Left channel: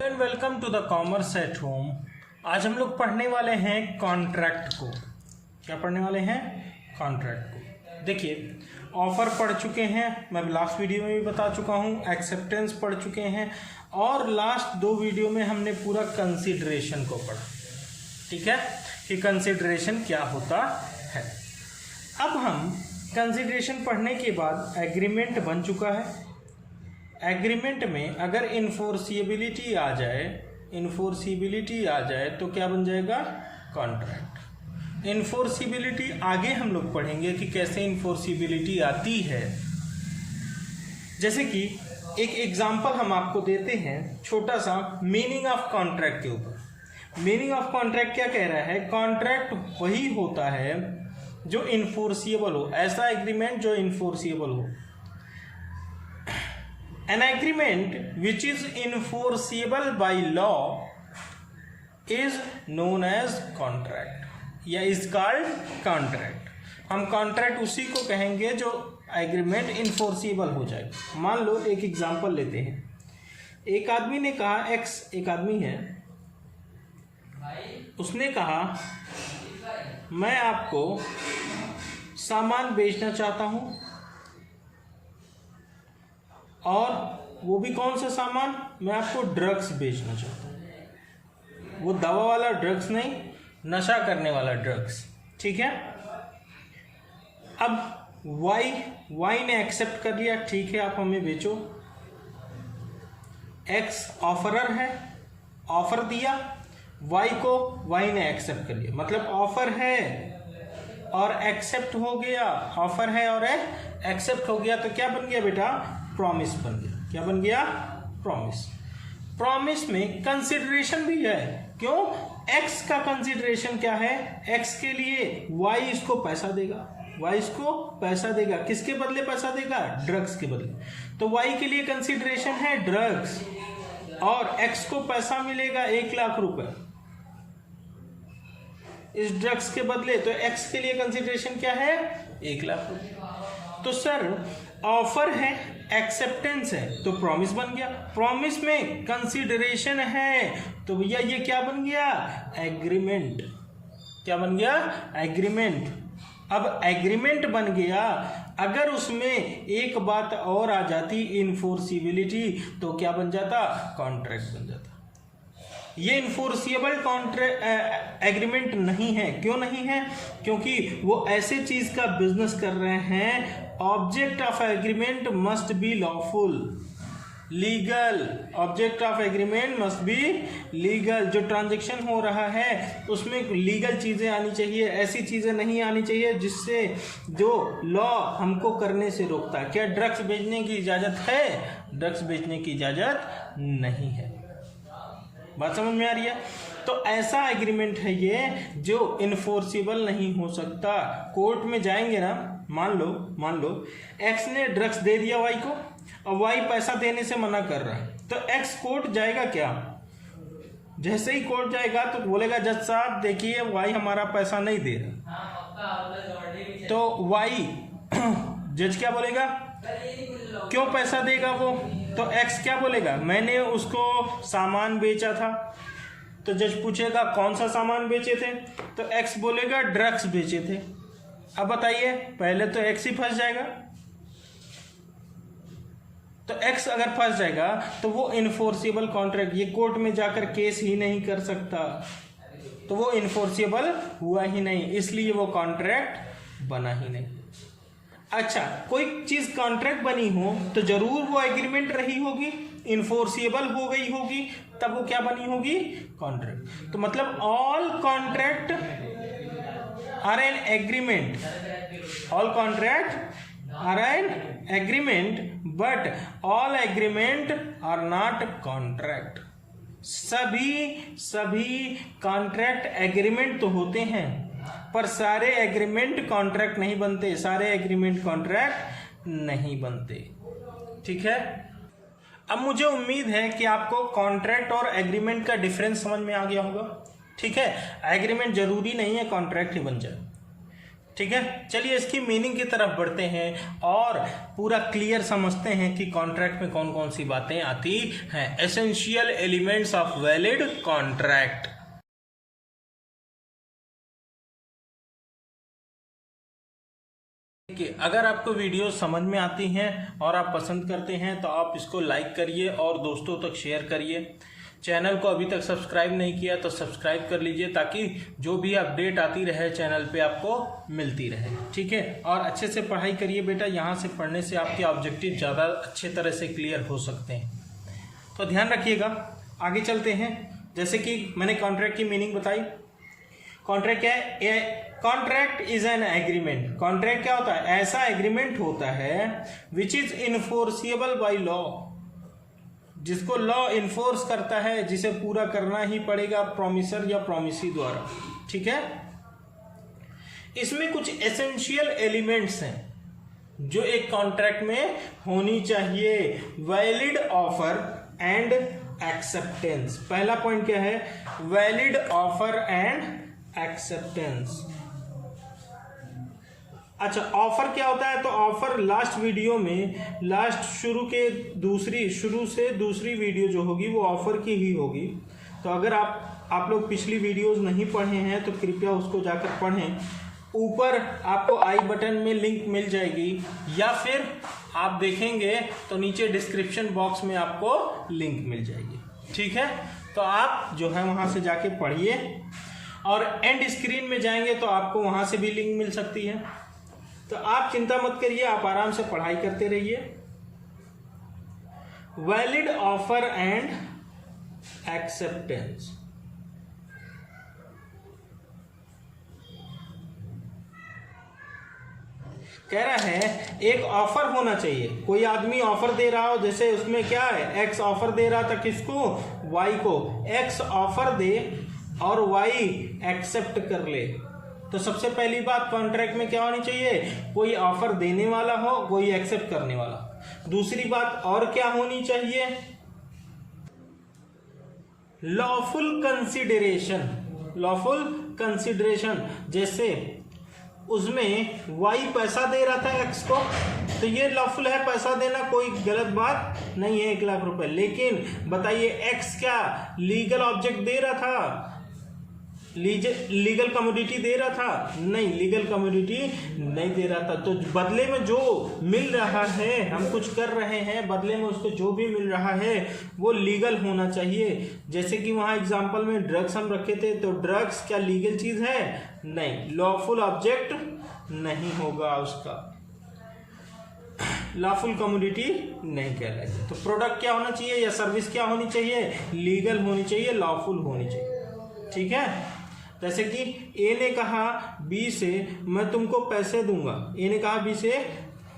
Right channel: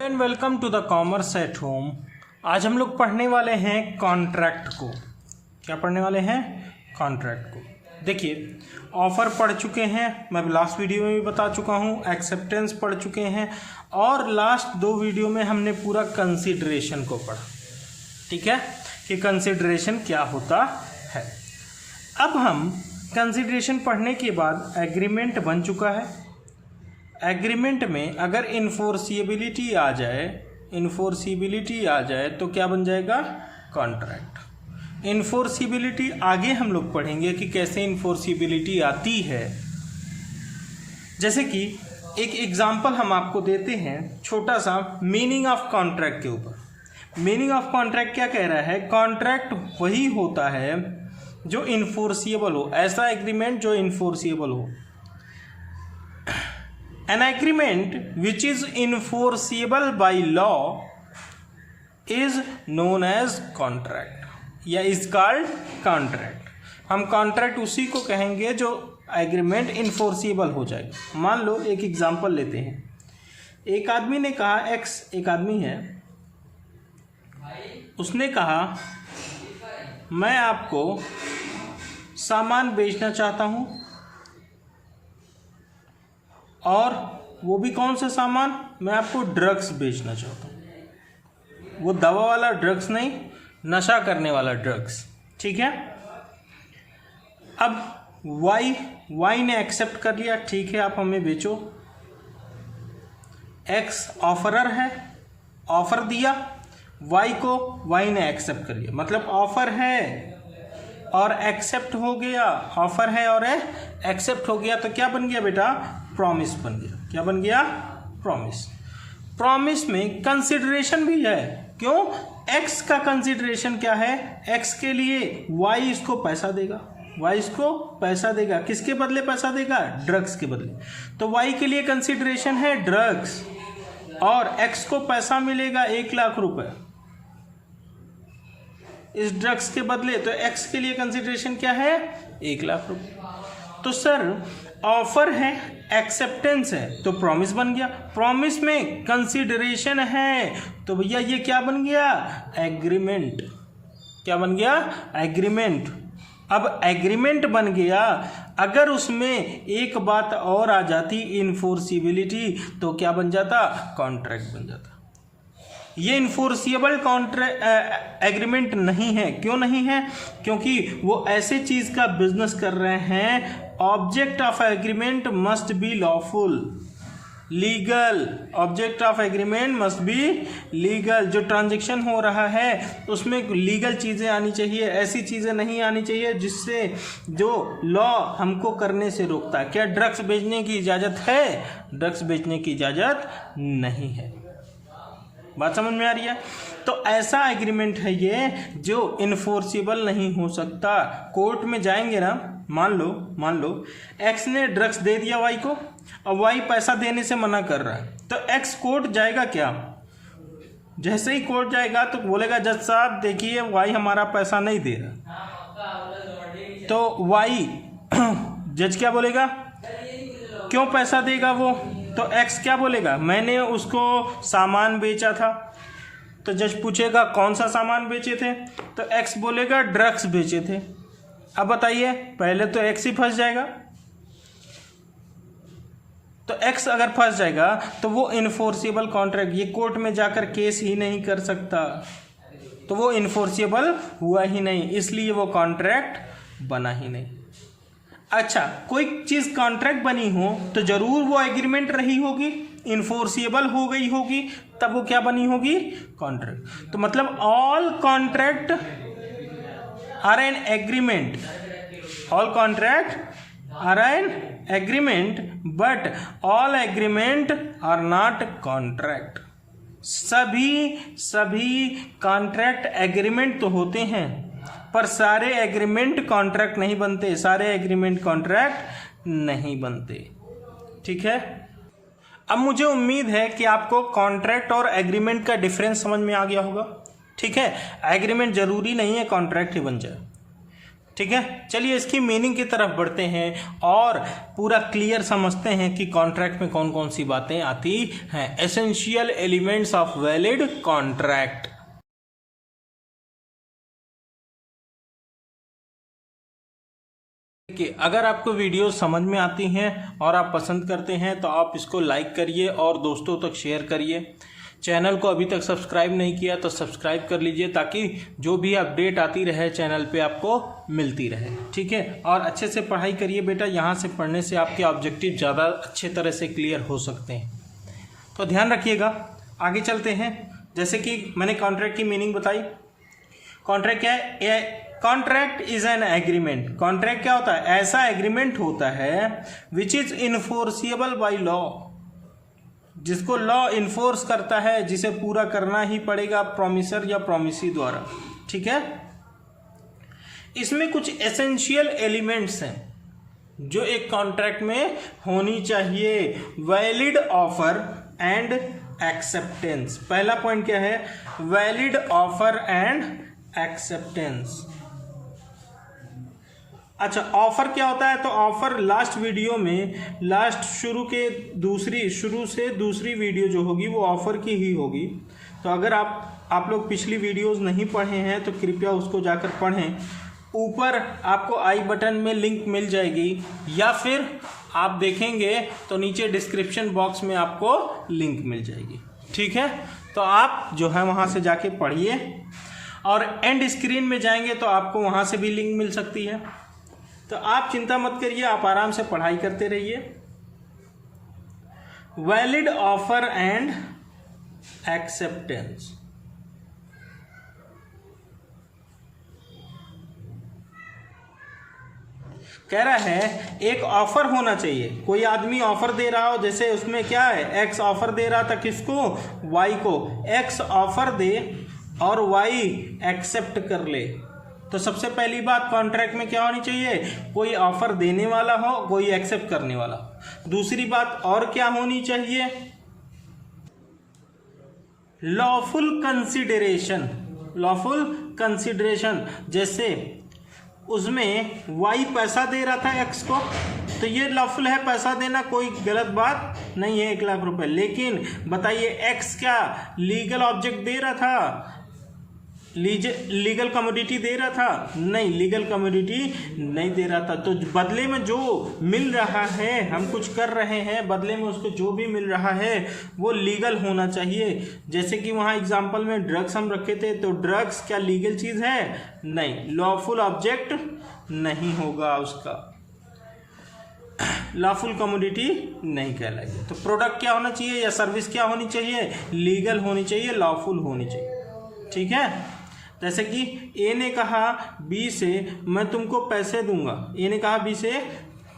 And welcome to the commerce at home. आज हम लोग पढ़ने वाले हैं कॉन्ट्रैक्ट को। क्या पढ़ने वाले हैं? कॉन्ट्रैक्ट को। देखिए, ऑफर पढ़ चुके हैं, मैं लास्ट वीडियो में भी बता चुका हूँ, एक्सेप्टेंस पढ़ चुके हैं और लास्ट दो वीडियो में हमने पूरा कंसिडरेशन को पढ़ा। ठीक है कि कंसिडरेशन क्या होता है। अब हम कंसिडरेशन पढ़ने के बाद एग्रीमेंट बन चुका है। एग्रीमेंट में अगर इन्फोर्सिबिलिटी आ जाए तो क्या बन जाएगा? कॉन्ट्रैक्ट। इन्फोर्सिबिलिटी आगे हम लोग पढ़ेंगे कि कैसे इन्फोर्सिबिलिटी आती है। जैसे कि एक एग्जांपल हम आपको देते हैं छोटा सा मीनिंग ऑफ कॉन्ट्रैक्ट के ऊपर। मीनिंग ऑफ कॉन्ट्रैक्ट क्या कह रहा है? कॉन्ट्रैक्ट वही होता है जो इन्फोर्सिएबल हो, ऐसा एग्रीमेंट जो इन्फोर्सिएबल हो। An agreement which is enforceable by law is known as contract या is called contract। हम कॉन्ट्रैक्ट उसी को कहेंगे जो एग्रीमेंट इन्फोर्सिबल हो जाए। मान लो एक एग्जांपल लेते हैं। एक आदमी ने कहा, एक आदमी है, उसने कहा मैं आपको सामान बेचना चाहता हूँ, और वो भी कौन सा सामान? मैं आपको ड्रग्स बेचना चाहता हूँ। वो दवा वाला ड्रग्स नहीं, नशा करने वाला ड्रग्स। ठीक है। अब वाई ने एक्सेप्ट कर लिया, ठीक है आप हमें बेचो। एक्स ऑफरर है, ऑफर दिया वाई को, वाई ने एक्सेप्ट कर लिया। मतलब ऑफर है और एक्सेप्ट हो गया, ऑफर है और एक्सेप्ट हो गया, तो क्या बन गया बेटा? प्रॉमिस बन गया। क्या बन गया? प्रॉमिस। प्रॉमिस में कंसिडरेशन भी है। क्यों? एक्स का कंसिडरेशन क्या है? एक्स के लिए वाई इसको पैसा देगा, वाई इसको पैसा देगा। किसके बदले पैसा देगा? ड्रग्स के बदले। तो वाई के लिए कंसिडरेशन है ड्रग्स, और एक्स को पैसा मिलेगा 1,00,000 रुपए इस ड्रग्स के बदले। तो एक्स के लिए कंसिडरेशन क्या है? 1,00,000 रुपए। तो सर ऑफर है, एक्सेप्टेंस है, तो प्रॉमिस बन गया। प्रॉमिस में कंसिडरेशन है, तो भैया ये क्या बन गया? एग्रीमेंट। क्या बन गया? एग्रीमेंट। अब एग्रीमेंट बन गया, अगर उसमें एक बात और आ जाती, इन्फोर्सिबिलिटी, तो क्या बन जाता? कॉन्ट्रैक्ट बन जाता। ये इन्फोर्सिएबल एग्रीमेंट नहीं है। क्यों नहीं है? क्योंकि वो ऐसे चीज का बिजनेस कर रहे हैं। Object of agreement must be lawful, legal. Object of agreement must be legal. जो ट्रांजैक्शन हो रहा है उसमें लीगल चीजें आनी चाहिए, ऐसी चीजें नहीं आनी चाहिए जिससे जो लॉ हमको करने से रोकता है। क्या ड्रग्स बेचने की इजाजत है? ड्रग्स बेचने की इजाजत नहीं है। बात समझ में आ रही है? तो ऐसा एग्रीमेंट है ये जो इन्फोर्सिबल नहीं हो सकता। कोर्ट में जाएंगे ना, मान लो एक्स ने ड्रग्स दे दिया वाई को, और वाई पैसा देने से मना कर रहा है, तो एक्स कोर्ट जाएगा क्या? जैसे ही कोर्ट जाएगा तो बोलेगा जज साहब देखिए वाई हमारा पैसा नहीं दे रहा। तो वाई जज क्या बोलेगा? क्यों पैसा देगा वो? तो एक्स क्या बोलेगा? मैंने उसको सामान बेचा था। तो जज पूछेगा कौन सा सामान बेचे थे? तो एक्स बोलेगा ड्रग्स बेचे थे। अब बताइए, पहले तो एक्स ही फंस जाएगा। तो एक्स अगर फंस जाएगा तो वो इन्फोर्सिबल कॉन्ट्रैक्ट, ये कोर्ट में जाकर केस ही नहीं कर सकता, तो वो इन्फोर्सिबल हुआ ही नहीं, इसलिए वो कॉन्ट्रैक्ट बना ही नहीं। अच्छा, कोई चीज कॉन्ट्रैक्ट बनी हो तो जरूर वो एग्रीमेंट रही होगी, इन्फोर्सिएबल हो गई होगी, तब वो क्या बनी होगी? कॉन्ट्रैक्ट। तो मतलब all contract are an agreement, all contract are an agreement, but all agreement are not contract. सभी कॉन्ट्रैक्ट एग्रीमेंट तो होते हैं, पर सारे एग्रीमेंट कॉन्ट्रैक्ट नहीं बनते, सारे एग्रीमेंट कॉन्ट्रैक्ट नहीं बनते। ठीक है। अब मुझे उम्मीद है कि आपको कॉन्ट्रैक्ट और एग्रीमेंट का डिफरेंस समझ में आ गया होगा। ठीक है। एग्रीमेंट जरूरी नहीं है कॉन्ट्रैक्ट ही बन जाए। ठीक है, चलिए इसकी मीनिंग की तरफ बढ़ते हैं और पूरा क्लियर समझते हैं कि कॉन्ट्रैक्ट में कौन कौन सी बातें आती हैं। Essential elements of valid contract. कि अगर आपको वीडियो समझ में आती हैं और आप पसंद करते हैं तो आप इसको लाइक करिए और दोस्तों तक शेयर करिए। चैनल को अभी तक सब्सक्राइब नहीं किया तो सब्सक्राइब कर लीजिए ताकि जो भी अपडेट आती रहे चैनल पे आपको मिलती रहे। ठीक है, और अच्छे से पढ़ाई करिए बेटा, यहाँ से पढ़ने से आपके ऑब्जेक्टिव ज़्यादा अच्छे तरह से क्लियर हो सकते हैं, तो ध्यान रखिएगा। आगे चलते हैं। जैसे कि मैंने कॉन्ट्रैक्ट की मीनिंग बताई। कॉन्ट्रैक्ट क्या है? Contract is an agreement. Contract क्या होता है? ऐसा एग्रीमेंट होता है which is enforceable by law, जिसको लॉ इन्फोर्स करता है, जिसे पूरा करना ही पड़ेगा प्रोमिसर या प्रोमिसी द्वारा। ठीक है, इसमें कुछ एसेंशियल एलिमेंट्स हैं जो एक कॉन्ट्रैक्ट में होनी चाहिए। Valid offer and acceptance. पहला पॉइंट क्या है? Valid offer and acceptance. अच्छा, ऑफर क्या होता है? तो ऑफर लास्ट वीडियो में, शुरू से दूसरी वीडियो जो होगी वो ऑफर की ही होगी। तो अगर आप लोग पिछली वीडियोस नहीं पढ़े हैं तो कृपया उसको जाकर पढ़ें। ऊपर आपको आई बटन में लिंक मिल जाएगी या फिर आप देखेंगे तो नीचे डिस्क्रिप्शन बॉक्स में आपको लिंक मिल जाएगी। ठीक है, तो आप जो है वहां से जाके पढ़िए और एंड स्क्रीन में जाएंगे तो आपको वहां से भी लिंक मिल सकती है। तो आप चिंता मत करिए, आप आराम से पढ़ाई करते रहिए। Valid offer and acceptance. कह रहा है एक ऑफर होना चाहिए। कोई आदमी ऑफर दे रहा हो, जैसे उसमें क्या है, एक्स ऑफर दे रहा था किसको? वाई को। एक्स ऑफर दे और वाई एक्सेप्ट कर ले। तो सबसे पहली बात कॉन्ट्रैक्ट में क्या होनी चाहिए? कोई ऑफर देने वाला हो, कोई एक्सेप्ट करने वाला हो। दूसरी बात और क्या होनी चाहिए? Lawful consideration. लॉफुल कंसिडरेशन, जैसे उसमें वाई पैसा दे रहा था एक्स को, तो ये लॉफुल है, पैसा देना कोई गलत बात नहीं है, 1 लाख रुपए। लेकिन बताइए एक्स क्या लीगल ऑब्जेक्ट दे रहा था? लीगल कमोडिटी दे रहा था? नहीं, लीगल कमोडिटी नहीं दे रहा था। तो बदले में जो मिल रहा है, हम कुछ कर रहे हैं, बदले में उसको जो भी मिल रहा है वो लीगल होना चाहिए। जैसे कि वहाँ एग्जांपल में ड्रग्स हम रखे थे, तो ड्रग्स क्या लीगल चीज है? नहीं, लॉफुल ऑब्जेक्ट नहीं होगा उसका, लॉफुल कमोडिटी नहीं कहलाएगी। तो प्रोडक्ट क्या होना चाहिए या सर्विस क्या होनी चाहिए? लीगल होनी चाहिए, लॉफुल होनी चाहिए। ठीक है, जैसे कि ए ने कहा बी से मैं तुमको पैसे दूंगा। ए ने कहा बी से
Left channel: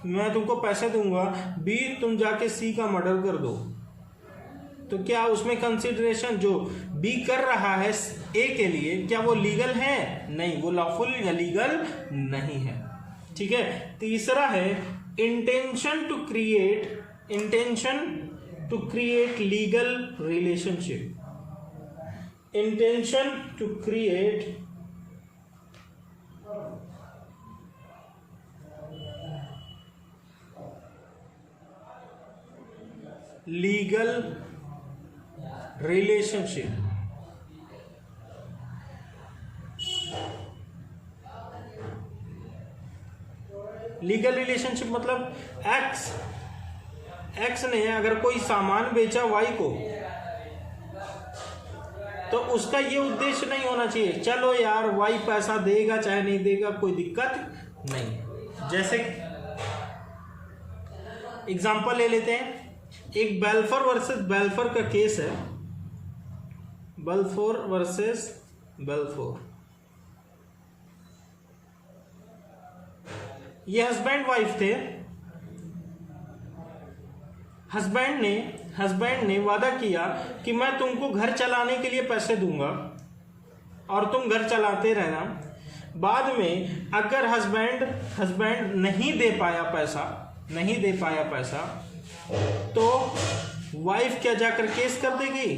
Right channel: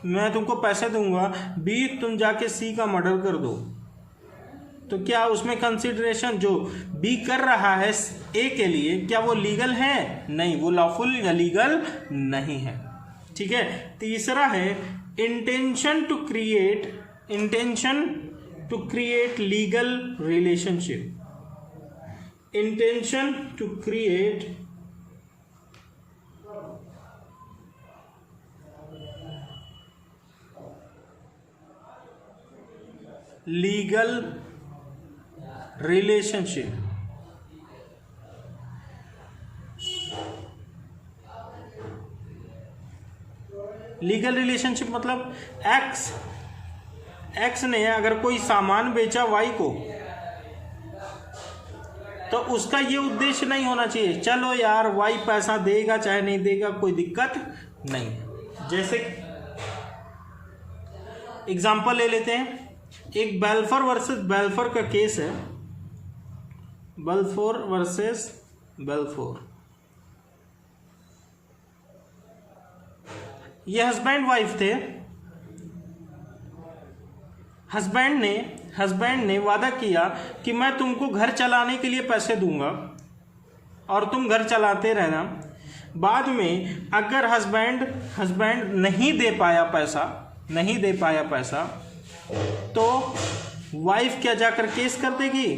मैं तुमको पैसे दूंगा, बी तुम जाके सी का मर्डर कर दो। तो क्या उसमें कंसिडरेशन जो बी कर रहा है ए के लिए, क्या वो लीगल है? नहीं, वो लॉफुल या लीगल नहीं है। ठीक है, तीसरा है intention to create legal relationship. Intention to create legal relationship। Legal relationship मतलब एक्स ने अगर कोई सामान बेचा वाई को, तो उसका ये उद्देश्य नहीं होना चाहिए चलो यार वाई पैसा देगा चाहे नहीं देगा कोई दिक्कत नहीं। जैसे एग्जांपल ले लेते हैं, एक बेल्फोर वर्सेस बेल्फोर का केस है। बेल्फोर वर्सेस बेल्फोर, ये हस्बैंड वाइफ थे। हस्बैंड ने वादा किया कि मैं तुमको घर चलाने के लिए पैसे दूंगा और तुम घर चलाते रहना। बाद में अगर हस्बैंड नहीं दे पाया पैसा तो वाइफ क्या जाकर केस कर देगी?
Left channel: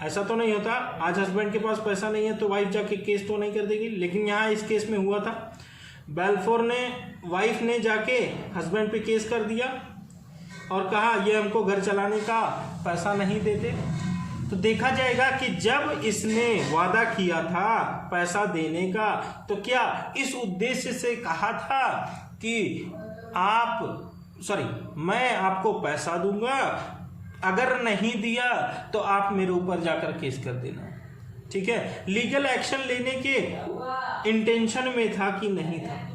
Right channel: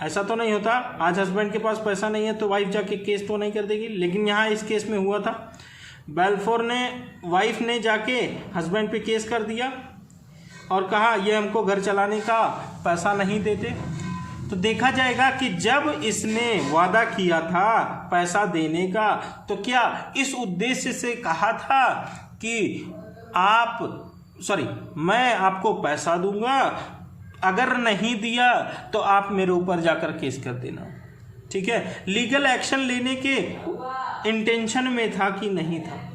ऐसा तो नहीं होता, आज हस्बैंड के पास पैसा नहीं है तो वाइफ जाके केस तो नहीं कर देगी, लेकिन यहाँ इस केस में हुआ था। बेल्फोर ने, वाइफ ने जाके हस्बैंड पे केस कर दिया और कहा ये हमको घर चलाने का पैसा नहीं देते। तो देखा जाएगा कि जब इसने वादा किया था पैसा देने का, तो क्या इस उद्देश्य से कहा था कि मैं आपको पैसा दूंगा, अगर नहीं दिया तो आप मेरे ऊपर जाकर केस कर देना, ठीक है। लीगल एक्शन लेने के इंटेंशन में था कि नहीं था,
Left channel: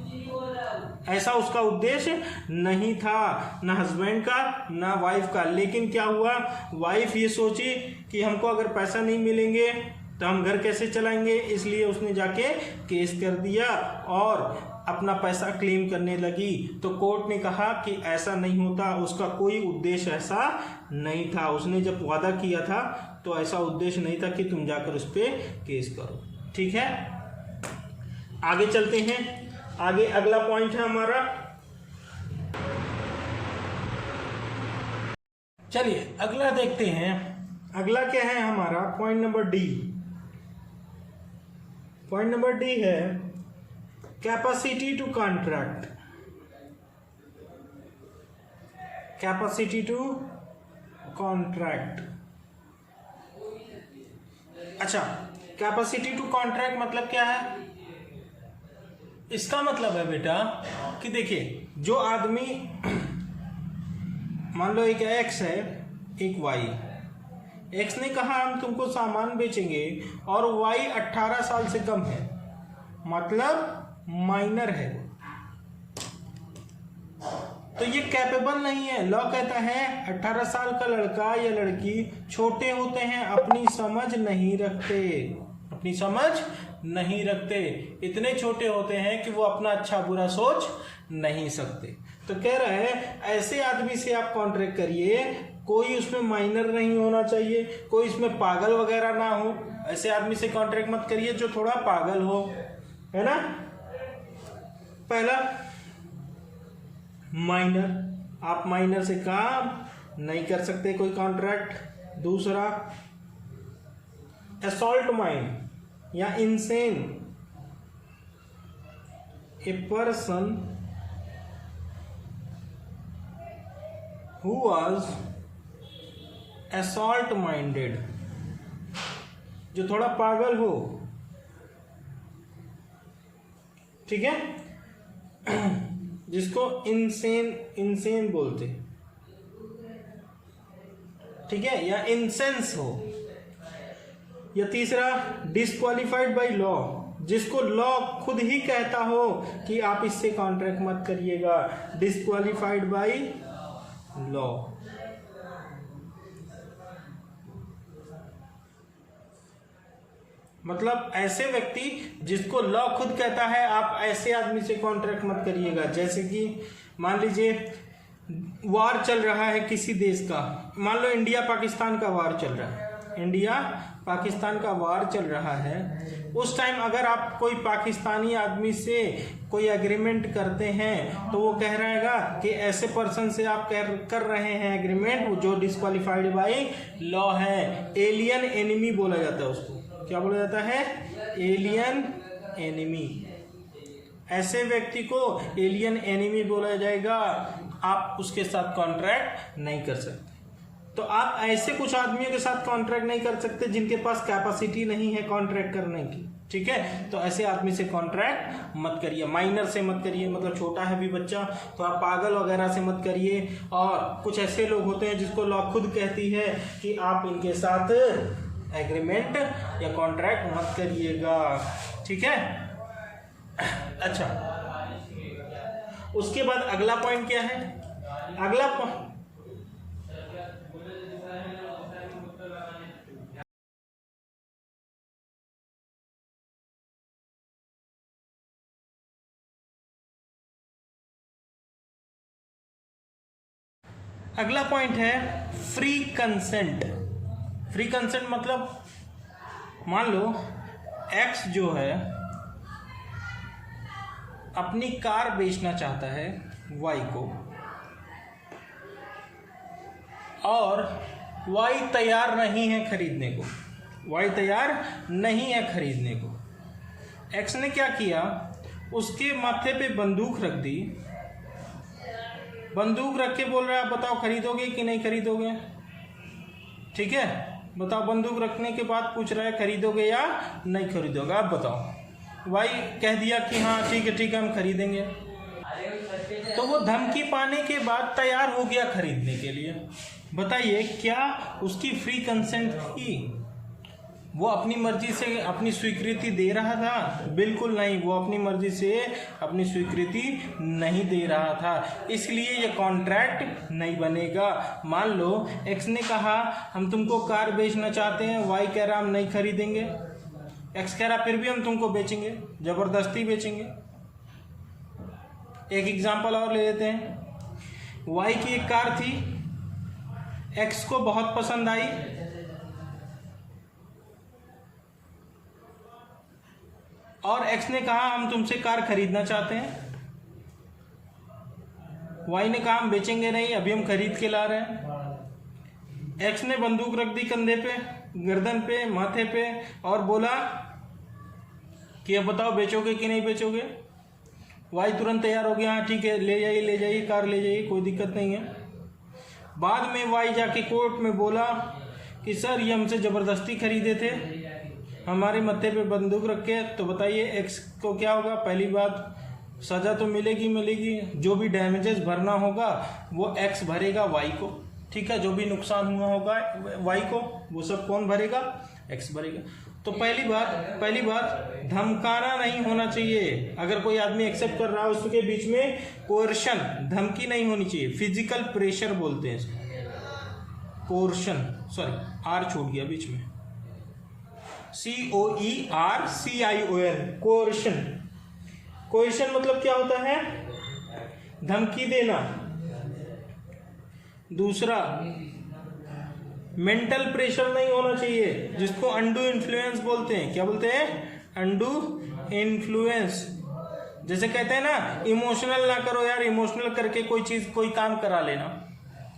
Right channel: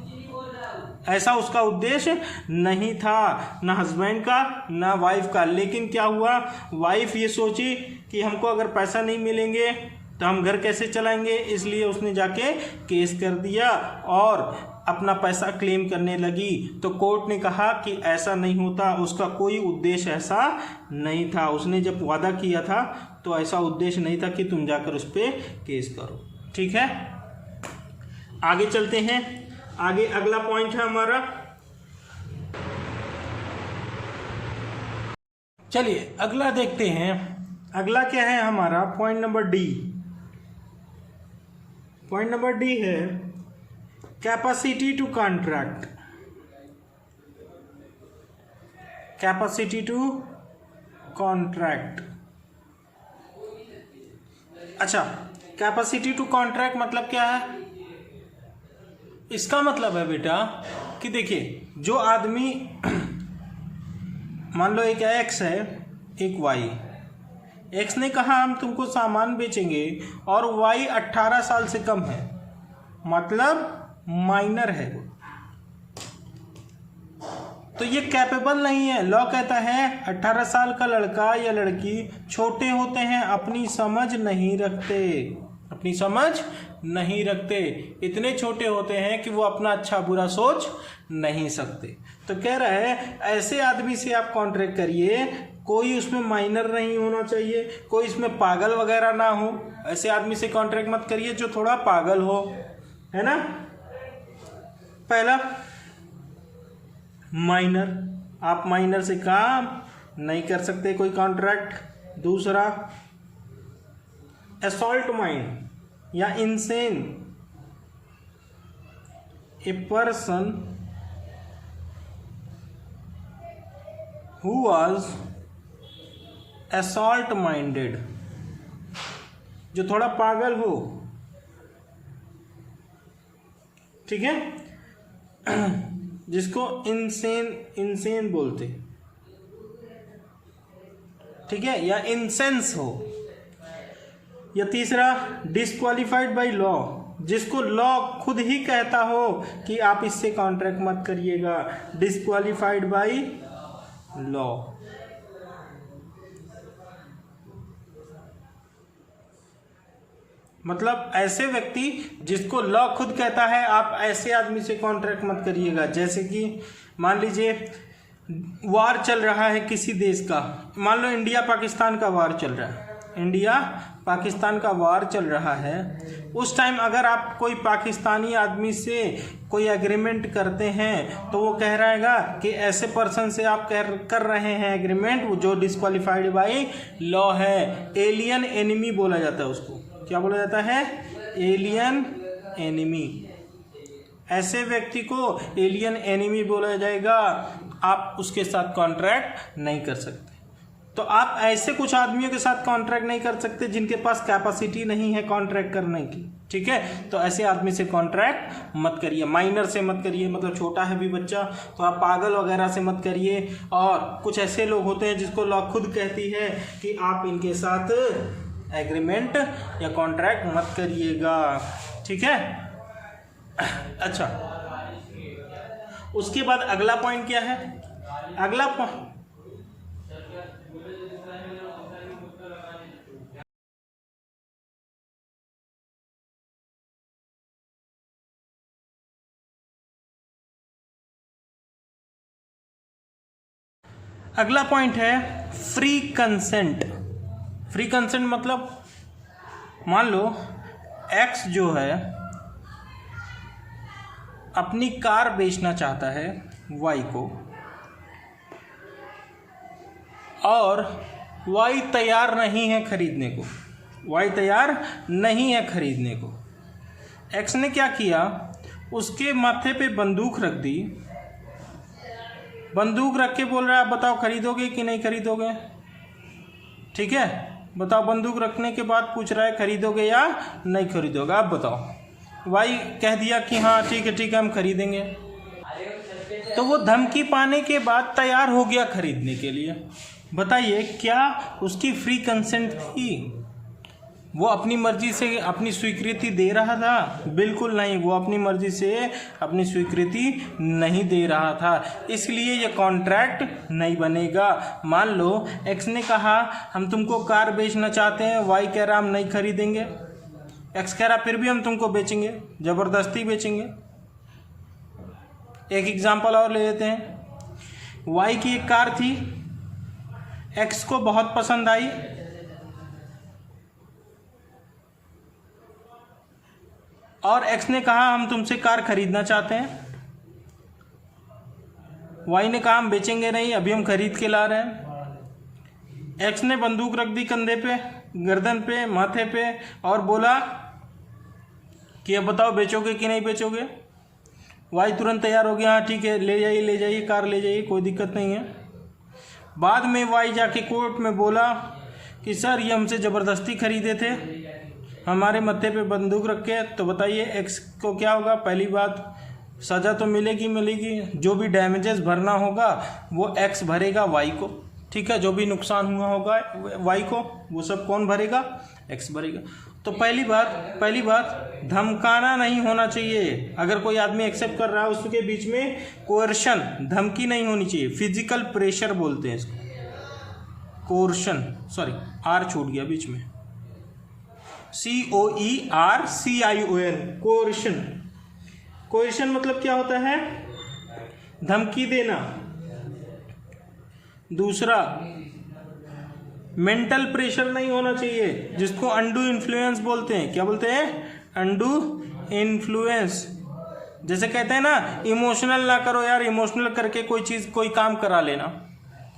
ऐसा उसका उद्देश्य नहीं था, ना हस्बैंड का ना वाइफ का। लेकिन क्या हुआ, वाइफ ये सोची कि हमको अगर पैसा नहीं मिलेंगे तो हम घर कैसे चलाएंगे, इसलिए उसने जाके केस कर दिया और अपना पैसा क्लेम करने लगी। तो कोर्ट ने कहा कि ऐसा नहीं होता, उसका कोई उद्देश्य ऐसा नहीं था। उसने जब वादा किया था तो ऐसा उद्देश्य नहीं था कि तुम जाकर उस पर केस करो, ठीक है। आगे चलते हैं, आगे अगला पॉइंट है हमारा, चलिए अगला देखते हैं। अगला क्या है हमारा, point number D. Point number D है capacity to contract. Capacity to contract, अच्छा, कैपेसिटी टू कॉन्ट्रैक्ट मतलब क्या है? इसका मतलब है बेटा कि देखिए, जो आदमी, मान लो एक एक्स है एक वाई, एक्स ने कहा हम तुमको सामान बेचेंगे और वाई 18 साल से कम है, मतलब माइनर है, तो ये कैपेबल नहीं है। लॉ कहता है 18 साल का लड़का या लड़की छोटे होते हैं, अपनी समझ नहीं रखते, अपनी समझ नहीं रखते, इतने छोटे होते हैं कि वो अपना अच्छा बुरा सोच नहीं सकते। तो कह रहा है ऐसे आदमी से आप कॉन्ट्रैक्ट करिए, कोई उसमें माइनर नहीं होना चाहिए, कोई इसमें पागल वगैरह ना हो, ऐसे आदमी से कॉन्ट्रैक्ट मत करिए जो थोड़ा पागल हो, है ना। पहला माइनर, आप माइनर से काम नहीं कर सकते कोई कॉन्ट्रैक्ट। दूसरा असॉल्ट माइंड या insane, a person who was assault minded, जो थोड़ा पागल हो, ठीक है, जिसको इंसेन बोलते, ठीक है, या इंसेंस हो। या तीसरा डिस्क्वालिफाइड बाय लॉ, जिसको लॉ खुद ही कहता हो कि आप इससे कॉन्ट्रैक्ट मत करिएगा, डिस्क्वालिफाइड बाय लॉ। मतलब ऐसे व्यक्ति जिसको लॉ खुद कहता है आप ऐसे आदमी से कॉन्ट्रैक्ट मत करिएगा। जैसे कि मान लीजिए वार चल रहा है किसी देश का, मान लो इंडिया पाकिस्तान का वार चल रहा है, इंडिया पाकिस्तान का वार चल रहा है, उस टाइम अगर आप कोई पाकिस्तानी आदमी से कोई एग्रीमेंट करते हैं तो वो कह रहेगा कि ऐसे पर्सन से आप कर रहे हैं एग्रीमेंट जो डिस्क्वालिफाइड बाय लॉ है। एलियन एनिमी बोला जाता है उसको, क्या बोला जाता है? Alien enemy. ऐसे व्यक्ति को एलियन एनिमी बोला जाएगा, आप उसके साथ कॉन्ट्रैक्ट नहीं कर सकते। तो आप ऐसे कुछ आदमियों के साथ कॉन्ट्रैक्ट नहीं कर सकते जिनके पास कैपेसिटी नहीं है कॉन्ट्रैक्ट करने की, ठीक है। तो ऐसे आदमी से कॉन्ट्रैक्ट मत करिए, माइनर से मत करिए, मतलब छोटा है भी बच्चा, तो आप पागल वगैरह से मत करिए। और कुछ ऐसे लोग होते हैं जिसको लॉ खुद कहती है कि आप इनके साथ एग्रीमेंट या कॉन्ट्रैक्ट मत करिएगा, ठीक है। अच्छा, उसके बाद अगला पॉइंट क्या है? अगला पॉइंट है फ्री कंसेंट। फ्री कंसेंट मतलब मान लो एक्स जो है अपनी कार बेचना चाहता है वाई को, और वाई तैयार नहीं है खरीदने को, वाई तैयार नहीं है खरीदने को। एक्स ने क्या किया, उसके माथे पे बंदूक रख दी, बंदूक रख के बोल रहा है बताओ खरीदोगे कि नहीं खरीदोगे। ठीक है, बताओ, बंदूक रखने के बाद पूछ रहा है खरीदोगे या नहीं खरीदोगे, आप बताओ। वाई कह दिया कि हाँ ठीक है हम खरीदेंगे, तो वो धमकी पाने के बाद तैयार हो गया खरीदने के लिए। बताइए क्या उसकी फ्री कंसेंट थी? वो अपनी मर्जी से अपनी स्वीकृति दे रहा था? बिल्कुल नहीं, वो अपनी मर्जी से अपनी स्वीकृति नहीं दे रहा था, इसलिए ये कॉन्ट्रैक्ट नहीं बनेगा। मान लो एक्स ने कहा हम तुमको कार बेचना चाहते हैं, वाई कह रहा हम नहीं खरीदेंगे, एक्स कह रहा फिर भी हम तुमको बेचेंगे, जबरदस्ती बेचेंगे। एक एग्जांपल और ले लेते हैं। वाई की एक कार थी, एक्स को बहुत पसंद आई, और एक्स ने कहा हम तुमसे कार खरीदना चाहते हैं। वाई ने कहा हम बेचेंगे नहीं, अभी हम खरीद के ला रहे हैं। एक्स ने बंदूक रख दी कंधे पे, गर्दन पे, माथे पे, और बोला कि अब बताओ बेचोगे कि नहीं बेचोगे। वाई तुरंत तैयार हो गया, हाँ ठीक है ले जाइए कार ले जाइए, कोई दिक्कत नहीं है। बाद में वाई जाके कोर्ट में बोला कि सर ये हमसे ज़बरदस्ती खरीदे थे, हमारे मत्थे पे बंदूक रख के। तो बताइए एक्स को क्या होगा? पहली बात सज़ा तो मिलेगी, जो भी डैमेजेस भरना होगा वो एक्स भरेगा वाई को। ठीक है, जो भी नुकसान हुआ होगा वाई को वो सब कौन भरेगा? एक्स भरेगा। तो पहली बात धमकाना नहीं होना चाहिए। अगर कोई आदमी एक्सेप्ट कर रहा है उसके बीच में कोerशन, धमकी नहीं होनी चाहिए। फिजिकल प्रेशर बोलते हैं इसको, कोerशन, सॉरी आर छूट गया बीच में, COERCION, कोerशन। कोerशन मतलब क्या होता है? धमकी देना। दूसरा, मेंटल प्रेशर नहीं होना चाहिए, जिसको अंडू इन्फ्लुएंस बोलते हैं। क्या बोलते हैं? Undue influence. जैसे कहते हैं ना इमोशनल ना करो यार, इमोशनल करके कोई काम करा लेना,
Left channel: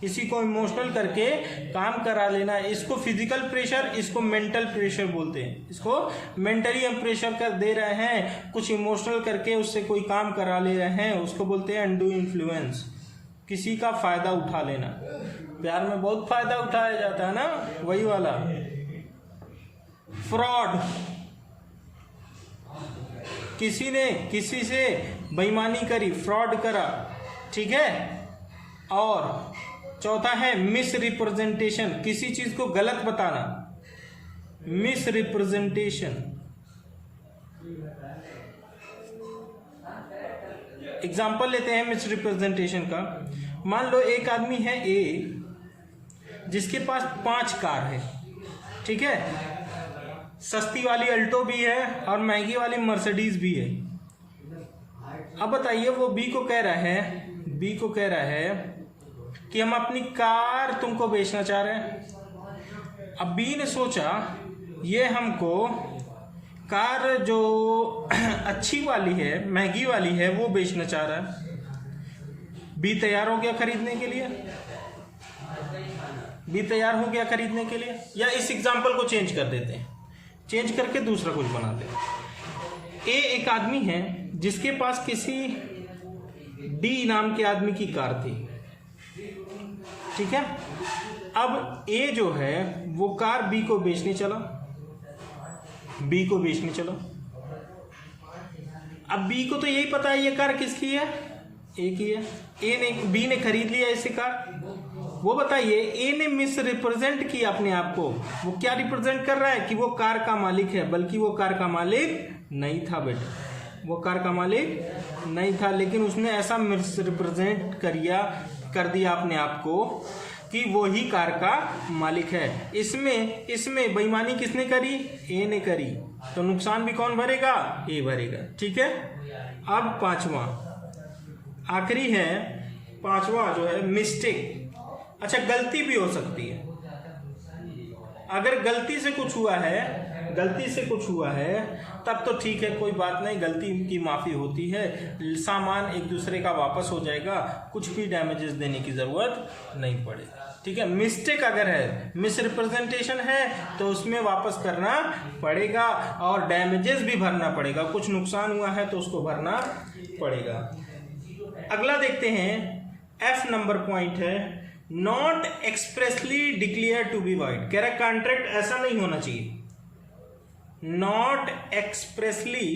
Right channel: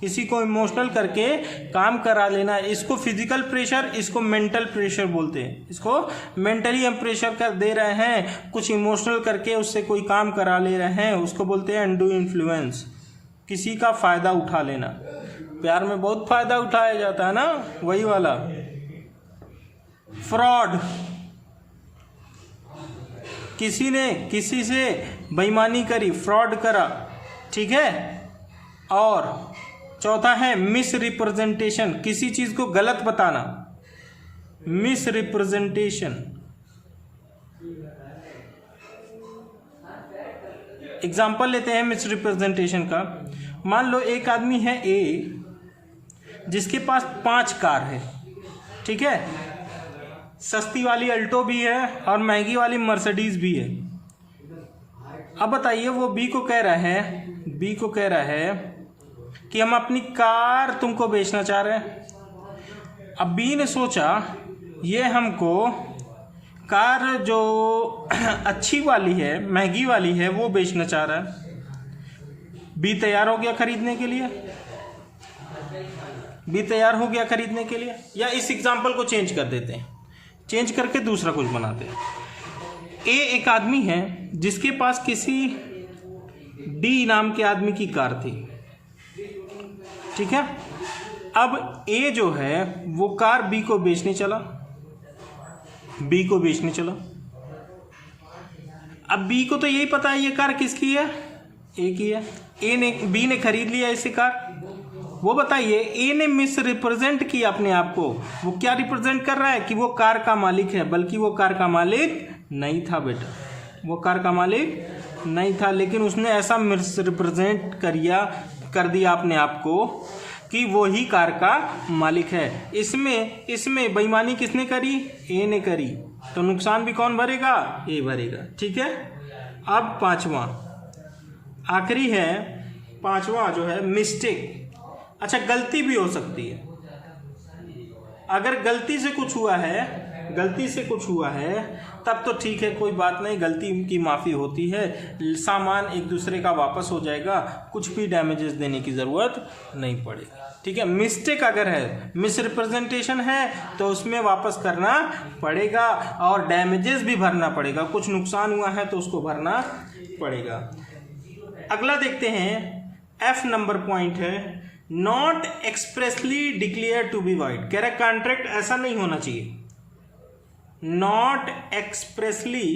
किसी को इमोशनल करके काम करा लेना, इसको फिजिकल प्रेशर, इसको मेंटल प्रेशर बोलते हैं। इसको मेंटली हम प्रेशर कर दे रहे हैं, कुछ इमोशनल करके उससे कोई काम करा ले रहे हैं, उसको बोलते हैं अंडू इन्फ्लुएंस। किसी का फायदा उठा लेना, प्यार में बहुत फायदा उठाया जाता है ना, वही वाला। फ्रॉड, किसी ने किसी से बेईमानी करी, फ्रॉड करा। ठीक है। और चौथा है मिस रिप्रेजेंटेशन, किसी चीज को गलत बताना, मिस रिप्रेजेंटेशन। एग्जाम्पल लेते हैं मिस रिप्रेजेंटेशन का। मान लो एक आदमी है ए, जिसके पास 5 कार है। ठीक है, सस्ती वाली अल्टो भी है और महंगी वाली मर्सिडीज भी है। अब बताइए वो बी को कह रहा है कि हम अपनी कार तुमको बेचना चाह रहे हैं। अब बी ने सोचा ये हमको कार जो अच्छी वाली है, महंगी वाली है, वो बेचना चाह रहा है। बी तैयार हो गया खरीदने के लिए, या इस एग्जाम्पल को चेंज कर देते हैं, चेंज करके दूसरा कुछ बनाते हैं। ए एक आदमी है जिसके पास किसी डी नाम के आदमी की कार थी। ठीक है, अब ए जो है वो कार बी को बेचने चला, अब बी को तो यही पता है ये कार किसकी है, ए की है। बी ने खरीद लिया इसे कार। वो बताइए ए ने मिस रिप्रेजेंट किया अपने आप को। वो क्या रिप्रेजेंट कर रहा है कि वो कार का मालिक है, बल्कि वो कार का मालिक नहीं था बेटा, वो कार का मालिक नहीं था। लेकिन उसने ऐसा मिस रिप्रेजेंट कर दिया अपने आप को कि वो ही कार का मालिक है। इसमें बेईमानी किसने करी? ए ने करी। तो नुकसान भी कौन भरेगा? ए भरेगा। ठीक है। अब आखिरी है पांचवा जो है मिस्टेक। अच्छा, गलती भी हो सकती है। अगर गलती से कुछ हुआ है, गलती से कुछ हुआ है तब तो ठीक है, कोई बात नहीं, गलती की माफ़ी होती है, सामान एक दूसरे का वापस हो जाएगा, कुछ भी डैमेजेस देने की ज़रूरत नहीं पड़ेगी। ठीक है, मिस्टेक अगर है, मिस रिप्रेजेंटेशन है तो उसमें वापस करना पड़ेगा और डैमेजेस भी भरना पड़ेगा, कुछ नुकसान हुआ है तो उसको भरना पड़ेगा। अगला देखते हैं, एफ नंबर पॉइंट है, not expressly declare to be void. कह रहा कॉन्ट्रैक्ट ऐसा नहीं होना चाहिए, not expressly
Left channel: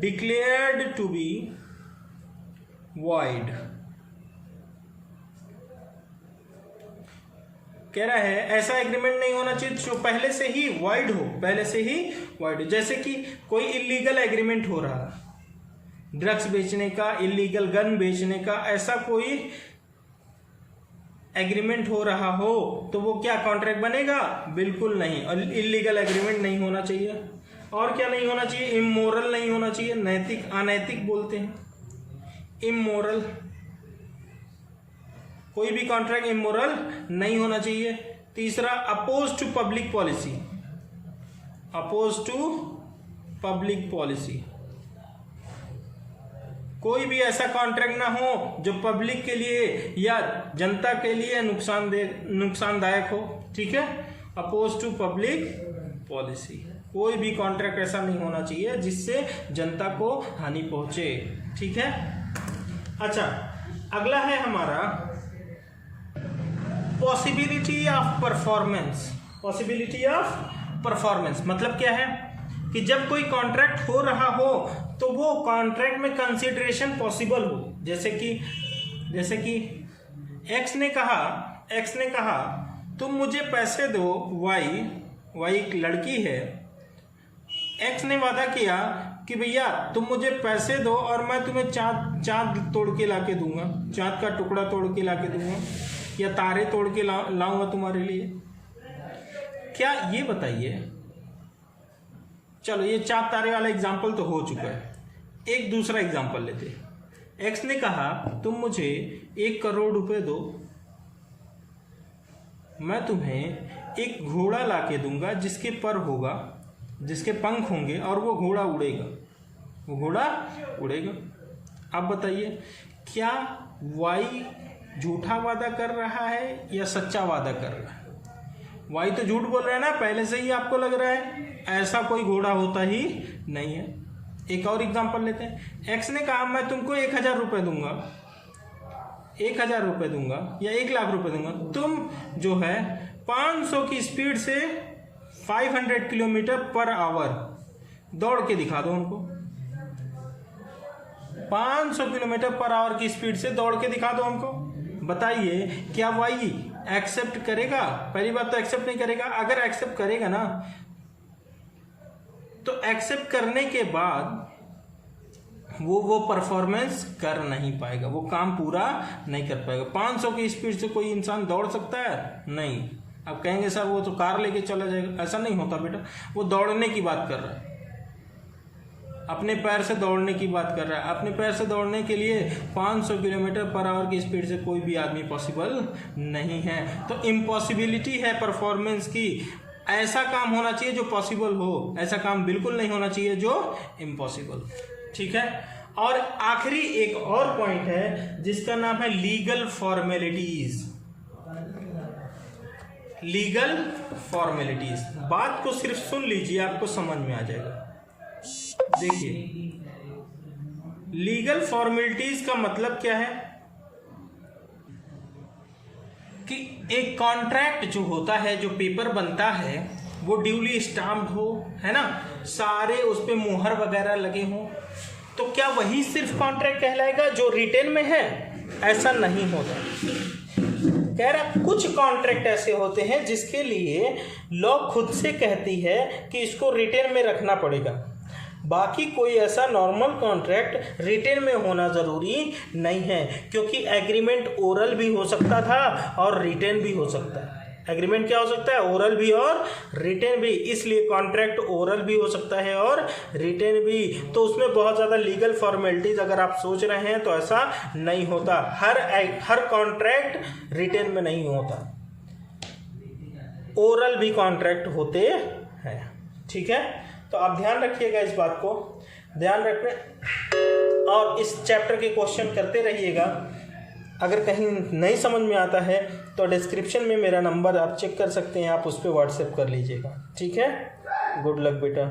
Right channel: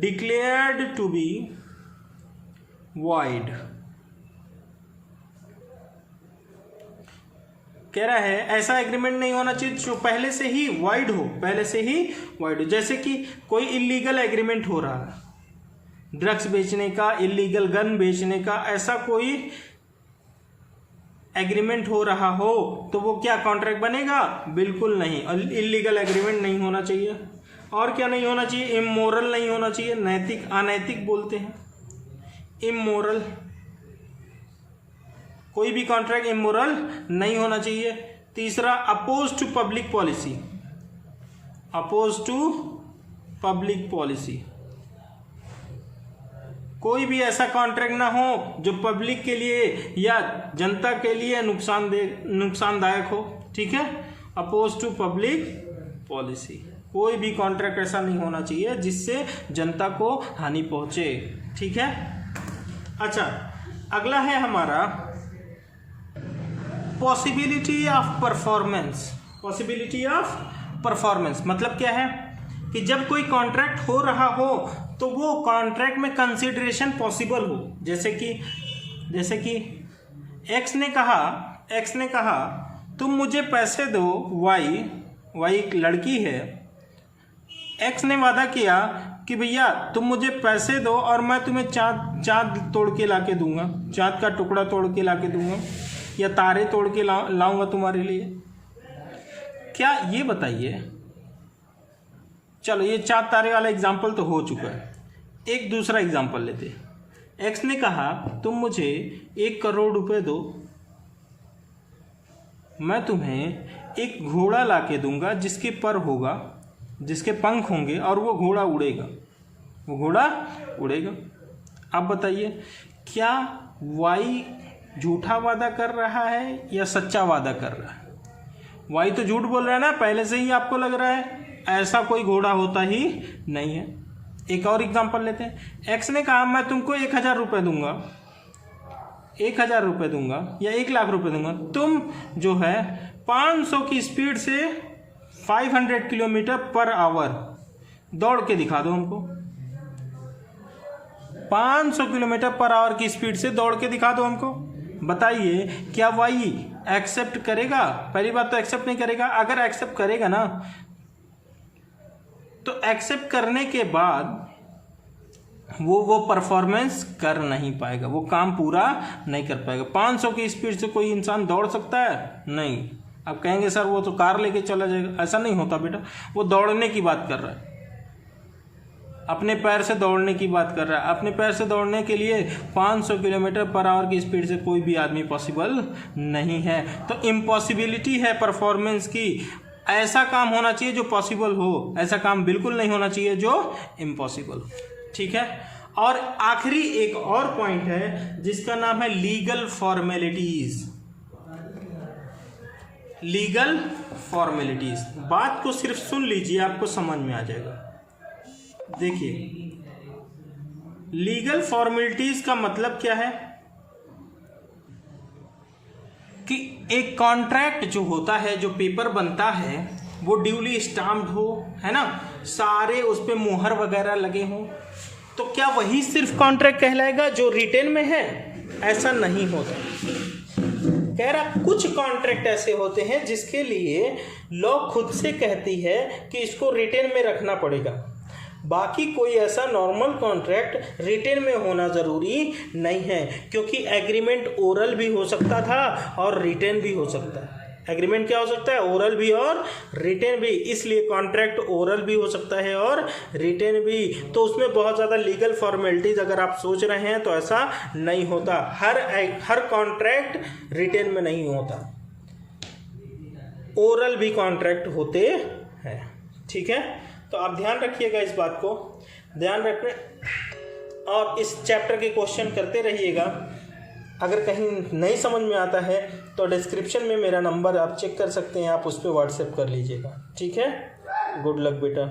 declared to be void. कह रहा है ऐसा एग्रीमेंट नहीं होना चाहिए जो पहले से ही वॉइड हो, पहले से ही वॉइड हो। जैसे कि कोई इलीगल एग्रीमेंट हो रहा है, ड्रग्स बेचने का, इलीगल गन बेचने का, ऐसा कोई एग्रीमेंट हो रहा हो तो वो क्या कॉन्ट्रैक्ट बनेगा? बिल्कुल नहीं। इलीगल एग्रीमेंट नहीं होना चाहिए। और क्या नहीं होना चाहिए? इमोरल नहीं होना चाहिए, नैतिक, अनैतिक बोलते हैं, इमोरल। कोई भी कॉन्ट्रैक्ट इमोरल नहीं होना चाहिए। तीसरा, oppose to public policy, oppose to public policy. कोई भी ऐसा कॉन्ट्रैक्ट ना हो जो पब्लिक के लिए या जनता के लिए नुकसानदायक हो। ठीक है, अपोज टू पब्लिक पॉलिसी। कोई भी कॉन्ट्रैक्ट ऐसा नहीं होना चाहिए जिससे जनता को हानि पहुंचे। ठीक है। अच्छा, अगला है हमारा possibility of performance. Possibility of performance मतलब क्या है कि जब कोई कॉन्ट्रैक्ट हो रहा हो तो वो कॉन्ट्रैक्ट में कंसिडरेशन पॉसिबल हो। जैसे कि एक्स ने कहा तुम मुझे पैसे दो, वाई एक लड़की है। एक्स ने वादा किया कि भैया तुम मुझे पैसे दो और मैं तुम्हें चाँद तोड़ के ला के दूंगा, चाँद का टुकड़ा तोड़ के ला के दूंगा या तारे तोड़ के लाऊंगा तुम्हारे लिए। क्या ये बताइए, चलो ये चाँद तारे वाला एग्जाम्पल तो हो चुका है, एक दूसरा एग्जाम्पल लेते हैं। एक्स ने कहा तुम मुझे 1 करोड़ रुपए दो, मैं तुम्हें एक घोड़ा ला के दूंगा जिसके पर होगा, जिसके पंख होंगे और वो घोड़ा उड़ेगा। अब बताइए क्या वाई झूठा वादा कर रहा है या सच्चा वादा कर रहा है? वाई तो झूठ बोल रहा है ना, पहले से ही आपको लग रहा है ऐसा कोई घोड़ा होता ही नहीं है। एक और एग्जांपल लेते हैं। एक्स ने कहा मैं तुमको 1000 रुपये दूंगा, 1000 रुपये दूंगा या 1 लाख रुपए दूंगा, तुम जो है 500 की स्पीड से 500 किलोमीटर पर आवर दौड़ के दिखा दो हमको। 500 किलोमीटर पर आवर की स्पीड से दौड़ के दिखा दो हमको। बताइए क्या वाई एक्सेप्ट करेगा? पहली बात तो एक्सेप्ट नहीं करेगा। अगर एक्सेप्ट करेगा ना तो एक्सेप्ट करने के बाद वो परफॉर्मेंस कर नहीं पाएगा, वो काम पूरा नहीं कर पाएगा। 500 की स्पीड से कोई इंसान दौड़ सकता है? नहीं। आप कहेंगे सर वो तो कार लेके चला जाएगा, ऐसा नहीं होता बेटा। वो दौड़ने की बात कर रहा है, अपने पैर से दौड़ने की बात कर रहा है। अपने पैर से दौड़ने के लिए 500 किलोमीटर पर आवर की स्पीड से कोई भी आदमी पॉसिबल नहीं है। तो इम्पॉसिबिलिटी है परफॉर्मेंस की। ऐसा काम होना चाहिए जो पॉसिबल हो, ऐसा काम बिल्कुल नहीं होना चाहिए जो इम्पॉसिबल। ठीक है। और आखिरी एक और पॉइंट है जिसका नाम है लीगल फॉर्मेलिटीज। लीगल फॉर्मेलिटीज, बात को सिर्फ सुन लीजिए, आपको समझ में आ जाएगा। देखिए लीगल फॉर्मेलिटीज का मतलब क्या है कि एक कॉन्ट्रैक्ट जो होता है, जो पेपर बनता है, वो ड्यूली स्टाम्प्ड हो, है ना, सारे उस पे मुहर वगैरह लगे हों, तो क्या वही सिर्फ कॉन्ट्रैक्ट कहलाएगा जो रिटेन में है? ऐसा नहीं होता। कह रहा कुछ कॉन्ट्रैक्ट ऐसे होते हैं जिसके लिए लॉ खुद से कहती है कि इसको रिटेन में रखना पड़ेगा। बाकी कोई ऐसा नॉर्मल कॉन्ट्रैक्ट रिटेन में होना ज़रूरी नहीं है, क्योंकि एग्रीमेंट ओरल भी हो सकता था और रिटेन भी हो सकता है। एग्रीमेंट क्या हो सकता है? ओरल भी और रिटेन भी। इसलिए कॉन्ट्रैक्ट ओरल भी हो सकता है और रिटेन भी। तो उसमें बहुत ज़्यादा लीगल फॉर्मेलिटीज अगर आप सोच रहे हैं तो ऐसा नहीं होता। हर कॉन्ट्रैक्ट रिटेन में नहीं होता, ओरल भी कॉन्ट्रैक्ट होते हैं। ठीक है, तो आप ध्यान रखिएगा इस बात को, ध्यान रखें और इस चैप्टर के क्वेश्चन करते रहिएगा। अगर कहीं नहीं समझ में आता है तो डिस्क्रिप्शन में मेरा नंबर आप चेक कर सकते हैं, आप उस पर व्हाट्सएप कर लीजिएगा। ठीक है, गुड लक बेटा।